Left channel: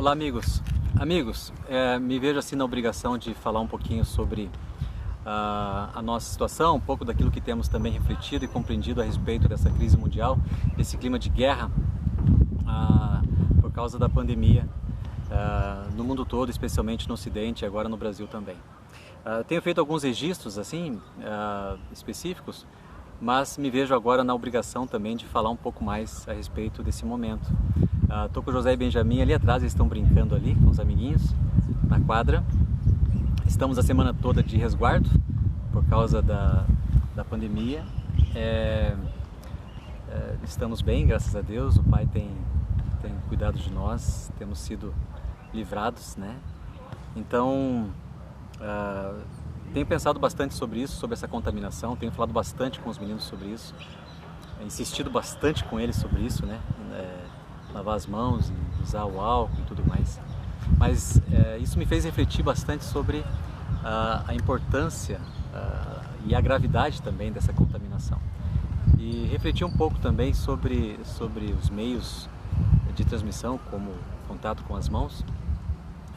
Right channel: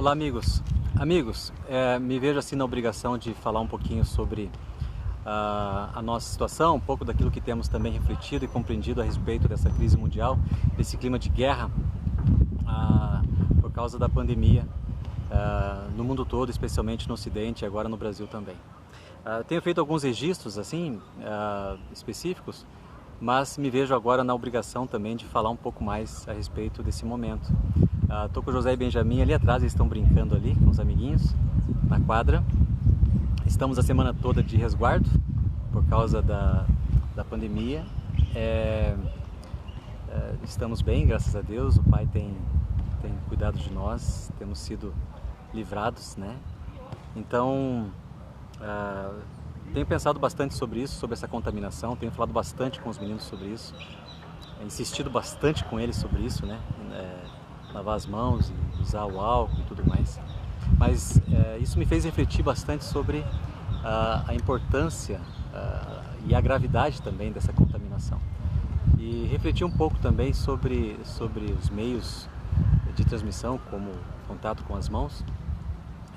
Olá, amigos. Me vejo assim na obrigação de falar um pouquinho sobre a nossa situação, um pouco daquilo que temos também refletido e compreendido a respeito dessa crise mundial, desse clima de guerra por causa da pandemia no mundo todo, especialmente no Ocidente e agora no Brasil também. Tenho feito alguns registros assim específicos, mas me vejo agora na obrigação também de falar um pouco mais a respeito desse momento. Estou com o José e Benjamin ali atrás, eles estão brincando ali com os amiguinhos na quadra. Estamos a semana toda de resguardo por causa da pandemia. Estamos bem, graças a Deus, o Pai tem cuidado de nós, temos sido livrados, né? Então, tenho pensado bastante sobre isso, sobre essa contaminação, tenho falado bastante com os meninos sobre isso, insistido bastante com eles sobre isso, né? Lavar as mãos e usar o álcool e tudo mais. Mas isso me fez refletir bastante sobre a importância e a gravidade também dessa contaminação. E refletir um pouco também sobre os meios de transmissão, como contato com as mãos.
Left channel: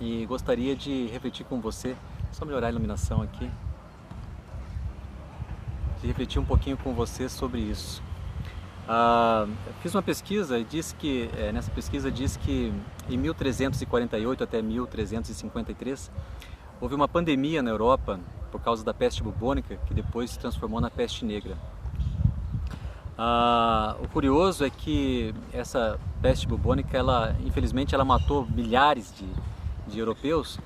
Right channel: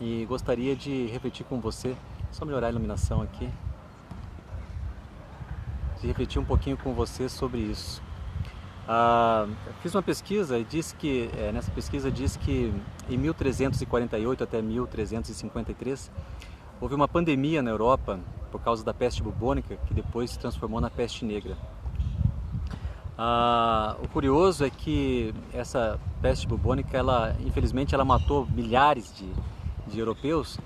E gostaria de refletir com você, só melhorar a iluminação aqui, de refletir um pouquinho com você sobre isso. Fiz uma pesquisa e nessa pesquisa diz que em 1348 até 1353 houve uma pandemia na Europa por causa da peste bubônica, que depois se transformou na peste negra. O curioso é que essa peste bubônica, infelizmente, ela matou milhares de europeus,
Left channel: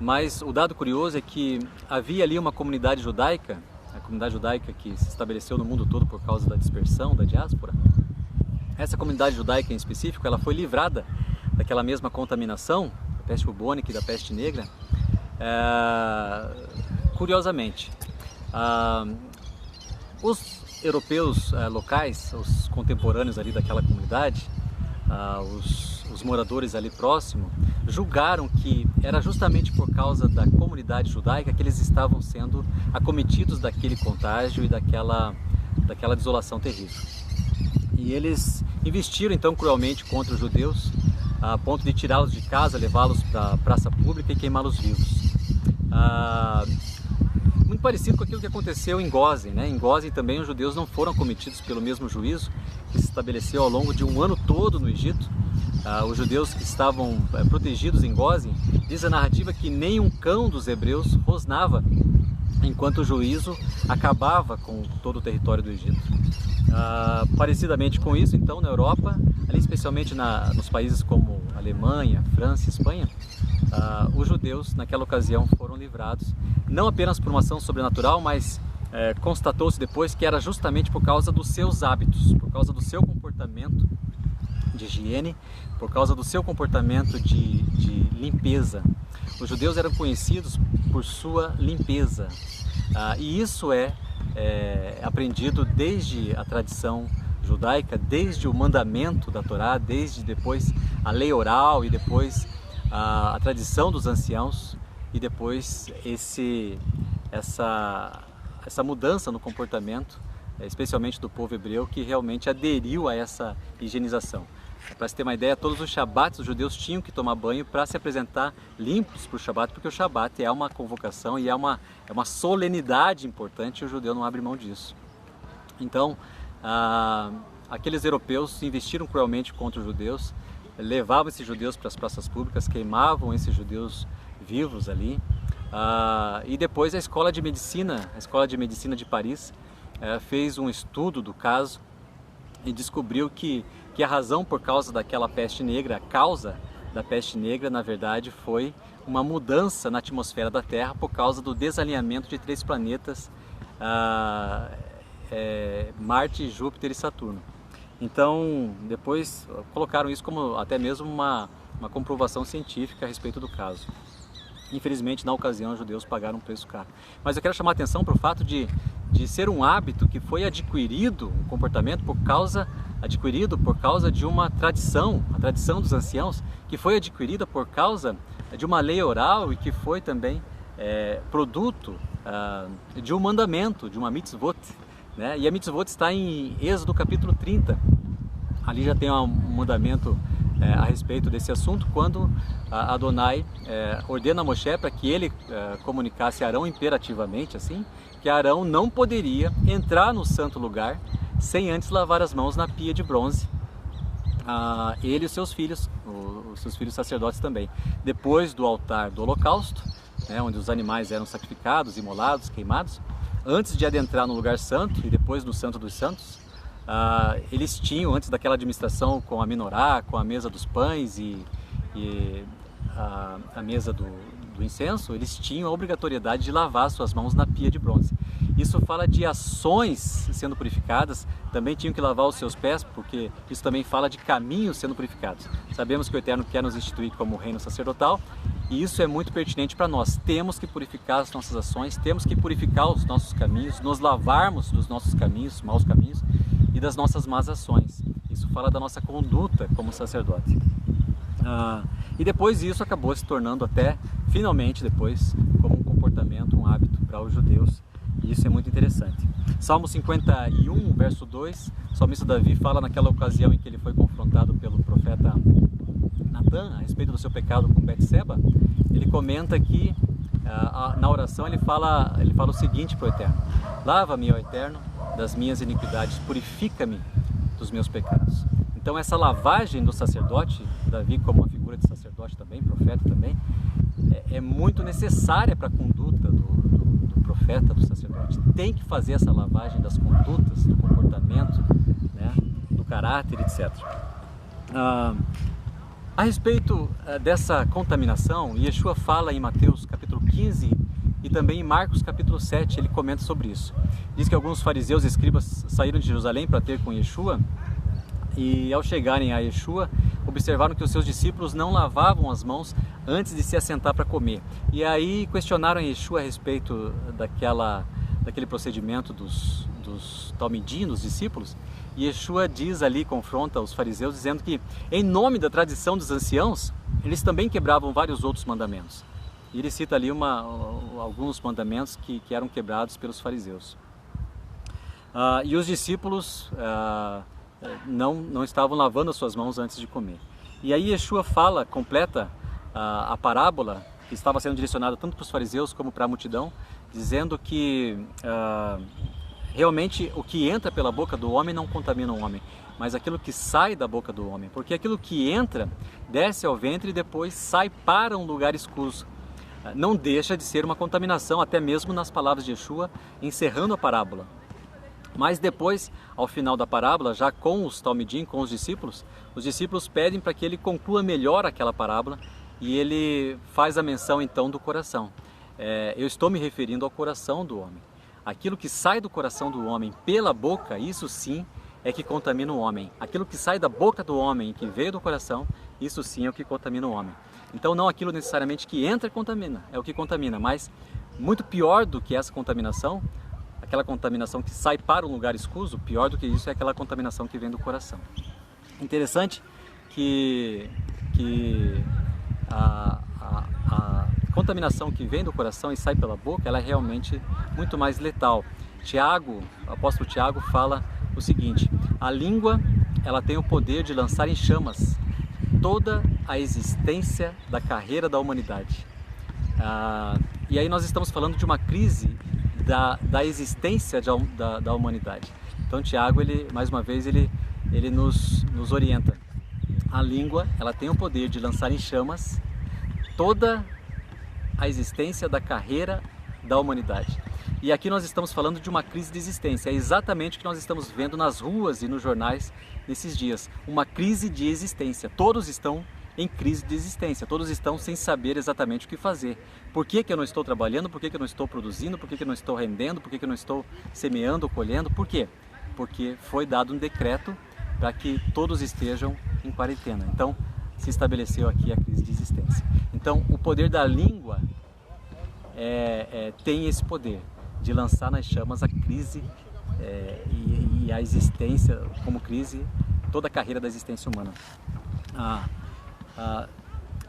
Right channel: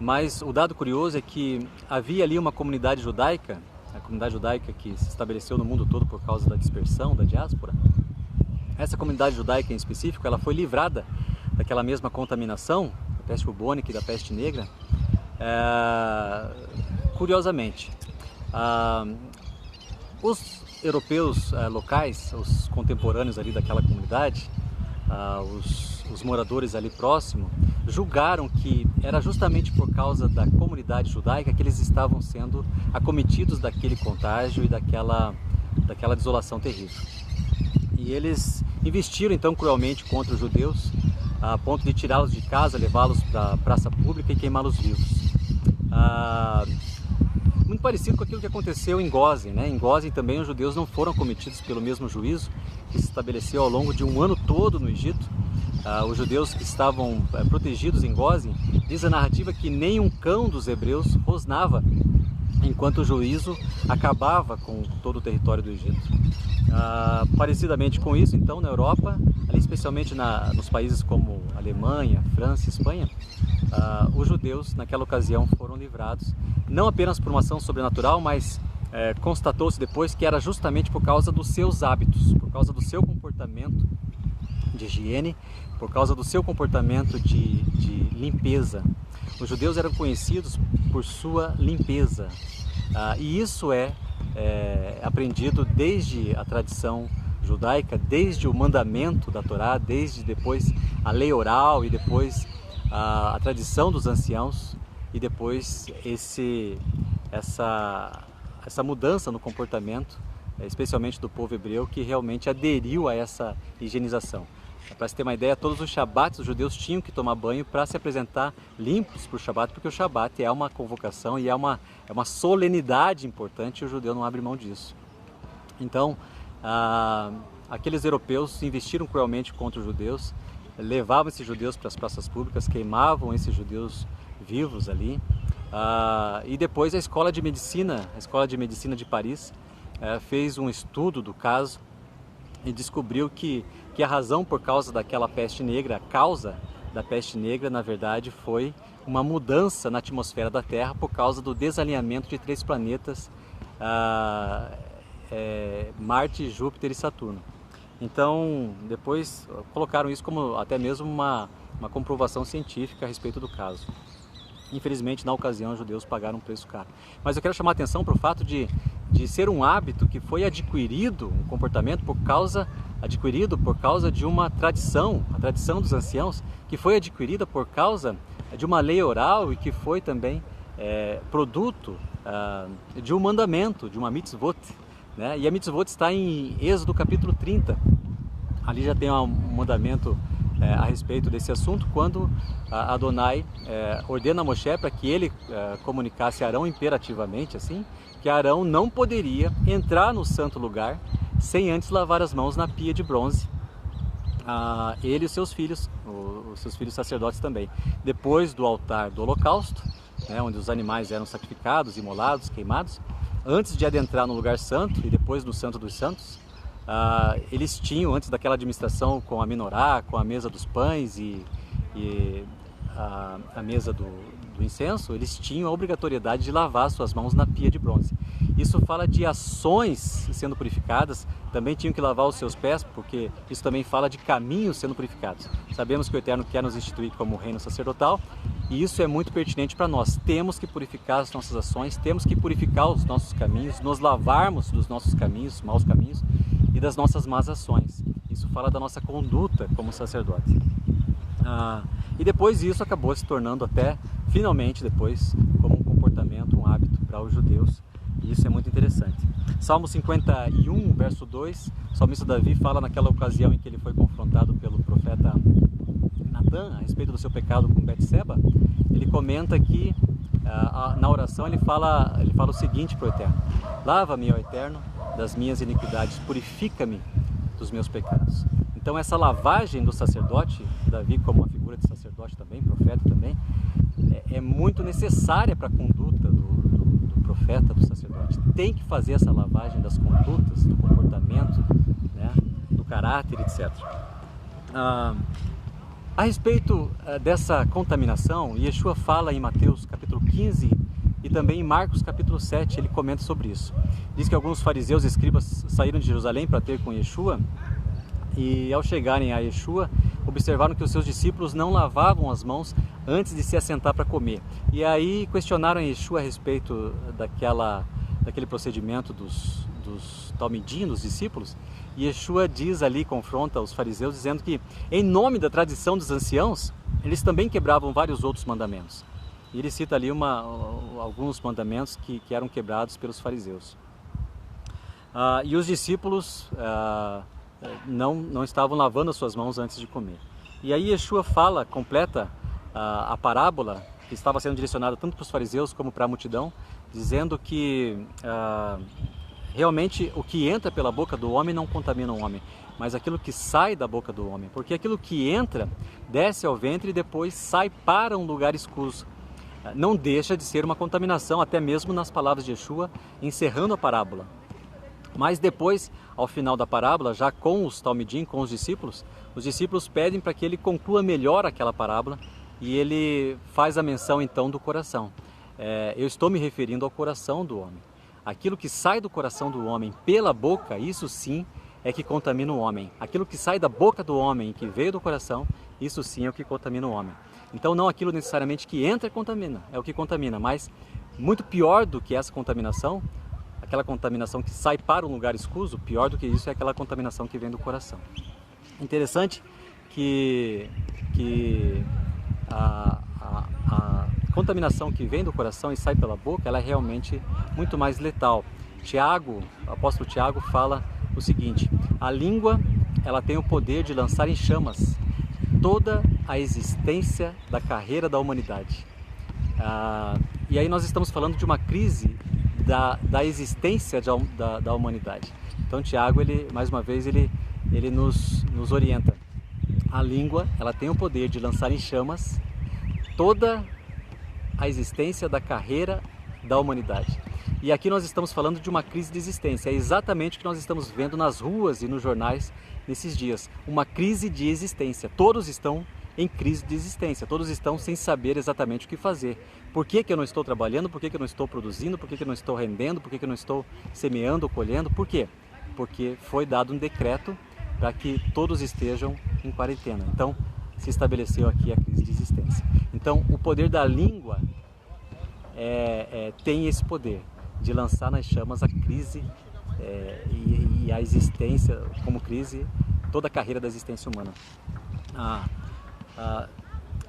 mas o dado curioso é que havia ali uma comunidade judaica, a comunidade judaica que se estabeleceu no mundo todo por causa da dispersão, da diáspora. Essa comunidade judaica em específico, ela foi livrada daquela mesma contaminação, da peste bubônica e da peste negra, curiosamente. Os europeus locais, os contemporâneos ali daquela comunidade, os moradores ali próximo, julgaram que era justamente por causa da comunidade judaica que eles estavam sendo acometidos daquele contágio e daquela desolação terrível. E eles investiram então cruelmente contra os judeus, a ponto de tirá-los de casa, levá-los para a praça pública e queimá-los vivos. Muito parecido com aquilo que aconteceu em Gósen, né? Em Gósen também os judeus não foram cometidos pelo mesmo juízo que se estabeleceu ao longo de um ano todo no Egito. Os judeus que estavam protegidos em Gósen, diz a narrativa que nem um cão dos hebreus rosnava enquanto o juízo acabava com todo o território do Egito. Parecidamente com isso, então, na Europa, ali especialmente nos países como Alemanha, França e Espanha, os judeus naquela ocasião foram livrados, não apenas por uma ação sobrenatural, mas constatou-se depois que era justamente por causa dos seus hábitos, por causa do seu comportamento de higiene, por causa do seu comportamento de limpeza. Os judeus eram conhecidos por sua limpeza, e isso é aprendido desde a tradição judaica, desde o mandamento da Torá, desde depois a lei oral e depois a tradição dos anciãos e depois essa mudança no comportamento, especialmente do povo hebreu, que realmente aderiu a essa higienização. Para se ter uma ideia, todos os Shabbats os judeus tinham que tomar banho para se apresentar limpos para o Shabbat, porque o Shabbat é uma convocação e é uma solenidade importante e o judeu não abre mão disso. Então, aqueles europeus investiram cruelmente contra os judeus, levavam esses judeus para as praças públicas, queimavam esses judeus vivos ali. E depois a Escola de Medicina de Paris fez um estudo do caso e descobriu que a razão por causa daquela peste negra, a causa da peste negra, na verdade, foi uma mudança na atmosfera da Terra por causa do desalinhamento de 3 planetas, Marte, Júpiter e Saturno. Então, depois colocaram isso como até mesmo uma comprovação científica a respeito do caso. Infelizmente, na ocasião, os judeus pagaram um preço caro. Mas eu quero chamar a atenção para o fato de ser um hábito que foi adquirido, um comportamento adquirido por causa de uma tradição, a tradição dos anciãos, que foi adquirida por causa de uma lei oral e que foi também produto de um mandamento, de uma mitzvot, né? E a mitzvot está em Êxodo capítulo 30. Ali já tem um mandamento a respeito desse assunto quando Adonai ordena a Moshe para que ele comunicasse a Arão imperativamente, assim, que Arão não poderia entrar no santo lugar sem antes lavar as mãos na pia de bronze, ele e os seus filhos sacerdotes também. Depois do altar do holocausto, onde os animais eram sacrificados, imolados, queimados, antes de adentrar no lugar santo e depois no Santo dos Santos, eles tinham, antes daquela administração com a menorá, com a mesa dos pães e a mesa do incenso, eles tinham a obrigatoriedade de lavar suas mãos na pia de bronze. Isso fala de ações sendo purificadas, também tinham que lavar os seus pés, porque isso também fala de caminhos sendo purificados. Sabemos que o Eterno quer nos instituir como reino sacerdotal, e isso é muito pertinente para nós. Temos que purificar as nossas ações, temos que purificar os nossos caminhos, nos lavarmos dos nossos caminhos, maus caminhos, e das nossas más ações. Isso fala da nossa conduta como sacerdote. E depois isso acabou se tornando até, finalmente depois, como um comportamento, um hábito para os judeus. E isso é muito interessante. Salmo 51, verso 2, o salmista Davi fala naquela ocasião em que ele foi confrontado pelo profeta Natan a respeito do seu pecado com Betseba. Ele comenta que, na oração, ele fala o seguinte para o Eterno: lava-me, ó Eterno, das minhas iniquidades, purifica-me dos meus pecados. Então essa lavagem do sacerdote, Davi como uma figura de sacerdote também, profeta também, é muito necessária para a conduta do profeta, do sacerdote. Tem que fazer essa lavagem das condutas, do comportamento, do caráter, etc. A respeito dessa contaminação, Yeshua fala em Mateus capítulo 15 e também em Marcos capítulo 7, ele comenta sobre isso. Diz que alguns fariseus e escribas saíram de Jerusalém para ter com Yeshua, e ao chegarem a Yeshua, observaram que os seus discípulos não lavavam as mãos antes de se assentar para comer. E aí questionaram Yeshua a respeito daquele procedimento dos talmidim, dos discípulos. E Yeshua diz ali, confronta os fariseus, dizendo que em nome da tradição dos anciãos, eles também quebravam vários outros mandamentos. E ele cita ali alguns mandamentos que eram quebrados pelos fariseus. E os discípulos não estavam lavando as suas mãos antes de comer. E aí Yeshua completa a parábola que estava sendo direcionada tanto para os fariseus como para a multidão, dizendo que realmente o que entra pela boca do homem não contamina o homem, mas aquilo que sai da boca do homem, porque aquilo que entra desce ao ventre e depois sai para um lugar escuso. Não deixa de ser uma contaminação, até mesmo nas palavras de Yeshua, encerrando a parábola. Mas depois, ao final da parábola, já com os talmidim, com os discípulos pedem para que ele conclua melhor aquela parábola e ele faz a menção então do coração. Eu estou me referindo ao coração do homem. Aquilo que sai do coração do homem pela boca, isso sim é que contamina o homem. Aquilo que sai da boca do homem e que veio do coração, isso sim é o que contamina o homem. Então não aquilo necessariamente que entra contamina, é o que contamina, mas muito pior do que essa contaminação, aquela contaminação que sai para um lugar escuso, pior do que isso é aquela contaminação que vem do coração. Interessante que a contaminação que vem do coração e sai pela boca, ela é realmente muito mais letal. O apóstolo Tiago fala o seguinte: a língua, ela tem o poder de lançar em chamas toda a existência da carreira da humanidade. E aí nós estamos falando de uma crise da existência da humanidade. Então Tiago, mais uma vez, ele nos orienta. A língua, ela tem o poder de lançar em chamas toda a existência da carreira da humanidade. E aqui nós estamos falando de uma crise de existência. É exatamente o que nós estamos vendo nas ruas e nos jornais nesses dias. Uma crise de existência. Todos estão em crise de existência. Todos estão sem saber exatamente o que fazer. Por que eu não estou trabalhando? Por que eu não estou produzindo? Por que eu não estou rendendo? Por que eu não estou semeando ou colhendo? Por quê? Porque foi dado um decreto para que todos estejam em quarentena. Então, se estabeleceu aqui a crise de existência. Então, o poder da língua tem esse poder de lançar nas chamas a crise e a existência como crise, toda a carreira da existência humana.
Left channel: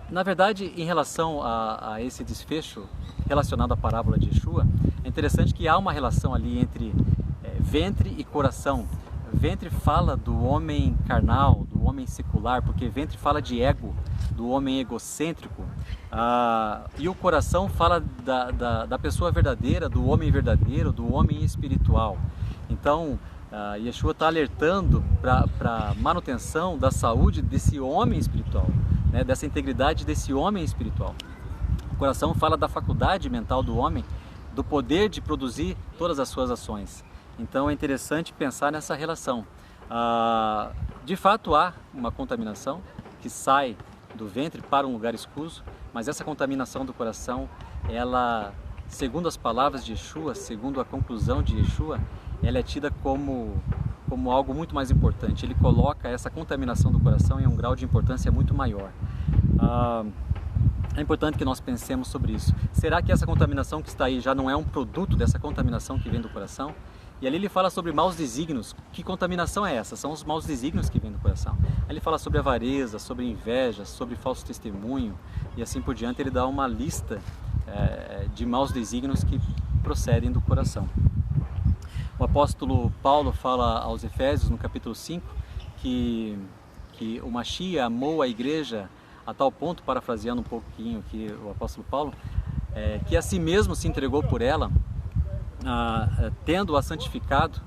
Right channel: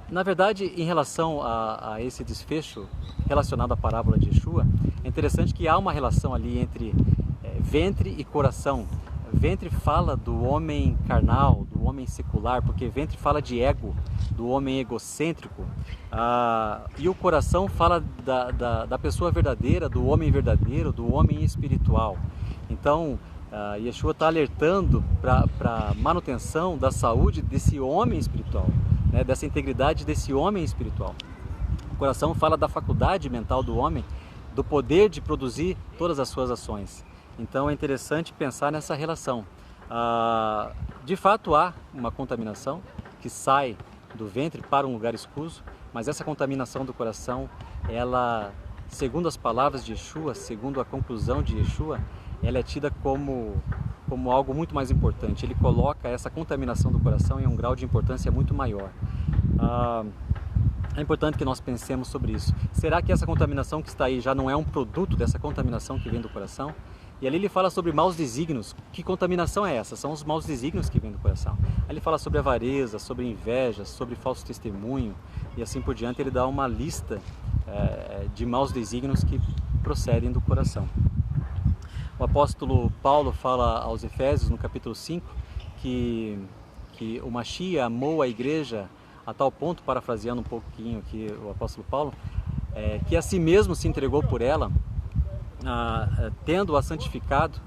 Na verdade, em relação a esse desfecho relacionado à parábola de Yeshua, é interessante que há uma relação ali entre ventre e coração. ventre fala do homem carnal, do homem secular, porque ventre fala de ego, do homem egocêntrico, e o coração fala da pessoa verdadeira, do homem verdadeiro, do homem espiritual. Então, Yeshua está alertando para a manutenção da saúde desse homem espiritual, né, dessa integridade desse homem espiritual. O coração fala da faculdade mental do homem, do poder de produzir todas as suas ações. Então é interessante pensar nessa relação. De fato há uma contaminação que sai do ventre para um lugar escuso, mas essa contaminação do coração, ela, segundo as palavras de Yeshua, segundo a conclusão de Yeshua, ela é tida como algo muito mais importante. Ele coloca essa contaminação do coração em um grau de importância muito maior. É importante que nós pensemos sobre isso. Será que essa contaminação que está aí já não é um produto dessa contaminação que vem do coração? E ali ele fala sobre maus desígnios. Que contaminação é essa? São os maus desígnios que vêm do coração. Aí ele fala sobre avareza, sobre inveja, sobre falso testemunho e assim por diante. Ele dá uma lista de maus desígnios que procedem do coração. O apóstolo Paulo fala aos Efésios, no capítulo 5, que o Mashiach amou a igreja a tal ponto, parafraseando um pouquinho aqui o apóstolo Paulo, que a si mesmo se entregou por ela, tendo-a santificado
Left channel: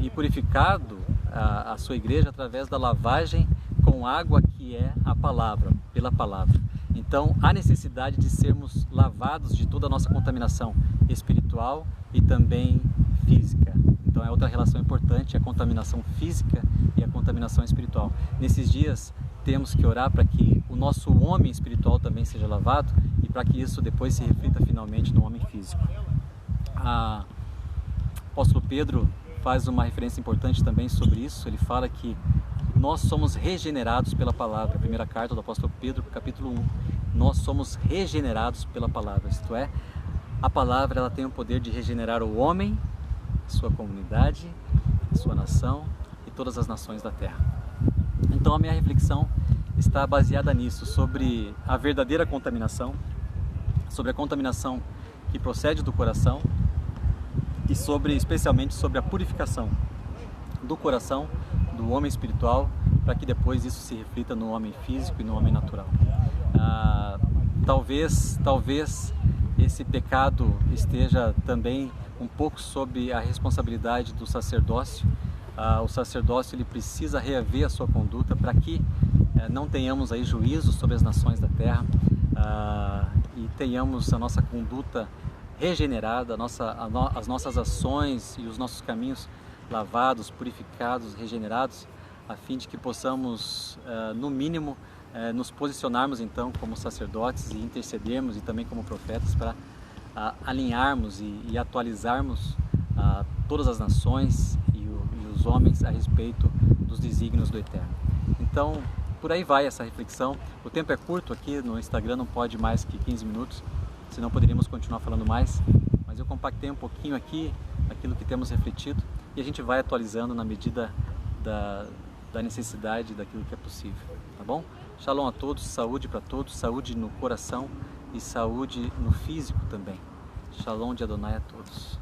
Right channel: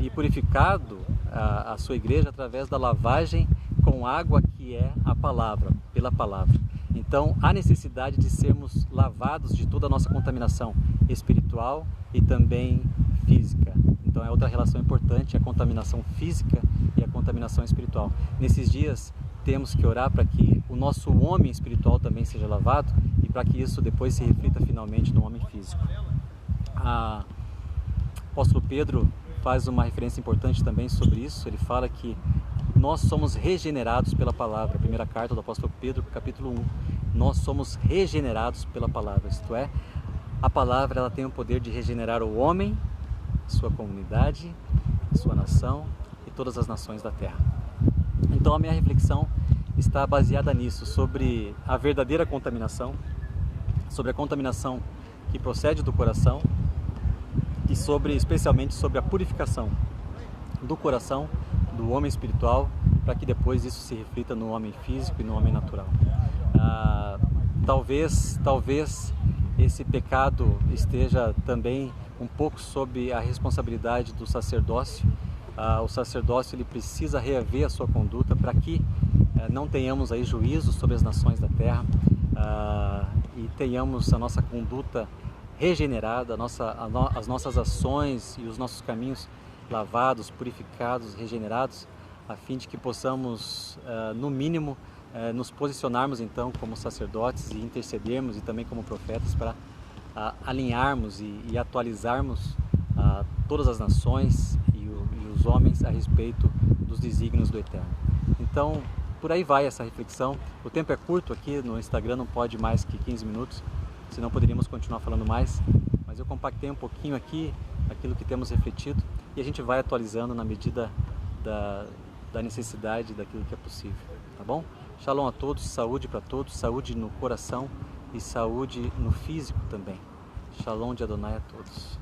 e purificado a sua igreja através da lavagem com água que é a palavra, pela palavra. Então, há necessidade de sermos lavados de toda a nossa contaminação espiritual e também física. Então, é outra relação importante, a contaminação física e a contaminação espiritual. Nesses dias, temos que orar para que o nosso homem espiritual também seja lavado e para que isso depois se reflita finalmente no homem físico. O apóstolo Pedro faz uma referência importante também sobre isso. Ele fala que nós somos regenerados pela palavra. A primeira carta do apóstolo Pedro, capítulo 1. Nós somos regenerados pela palavra. Isto é, a palavra ela tem o poder de regenerar o homem, sua comunidade, sua nação e todas as nações da terra. Então a minha reflexão está baseada nisso, sobre a verdadeira contaminação, sobre a contaminação que procede do coração e especialmente sobre a purificação do coração, do homem espiritual, para que depois isso se reflita no homem físico e no homem natural. Talvez esse pecado esteja também um pouco sob a responsabilidade do sacerdócio. O sacerdócio ele precisa reaver a sua conduta para que não tenhamos aí juízo sobre as nações da terra e tenhamos a nossa conduta regenerada, as nossas ações e os nossos caminhos lavados, purificados, regenerados, a fim de que possamos, no mínimo, nos posicionarmos então como sacerdotes e intercedermos e também como profetas para alinharmos e atualizarmos todas as nações e os homens a respeito dos desígnios do Eterno. Então, por aí vai essa reflexão. O tempo é curto aqui no Instagram, não pode mais que 15 minutos, senão poderíamos continuar falando mais, mas eu compactei um pouquinho aqui aquilo que temos refletido e a gente vai atualizando na medida da necessidade daquilo que é possível, tá bom? Shalom a todos, saúde para todos, saúde no coração e saúde no físico também. Shalom de Adonai a todos.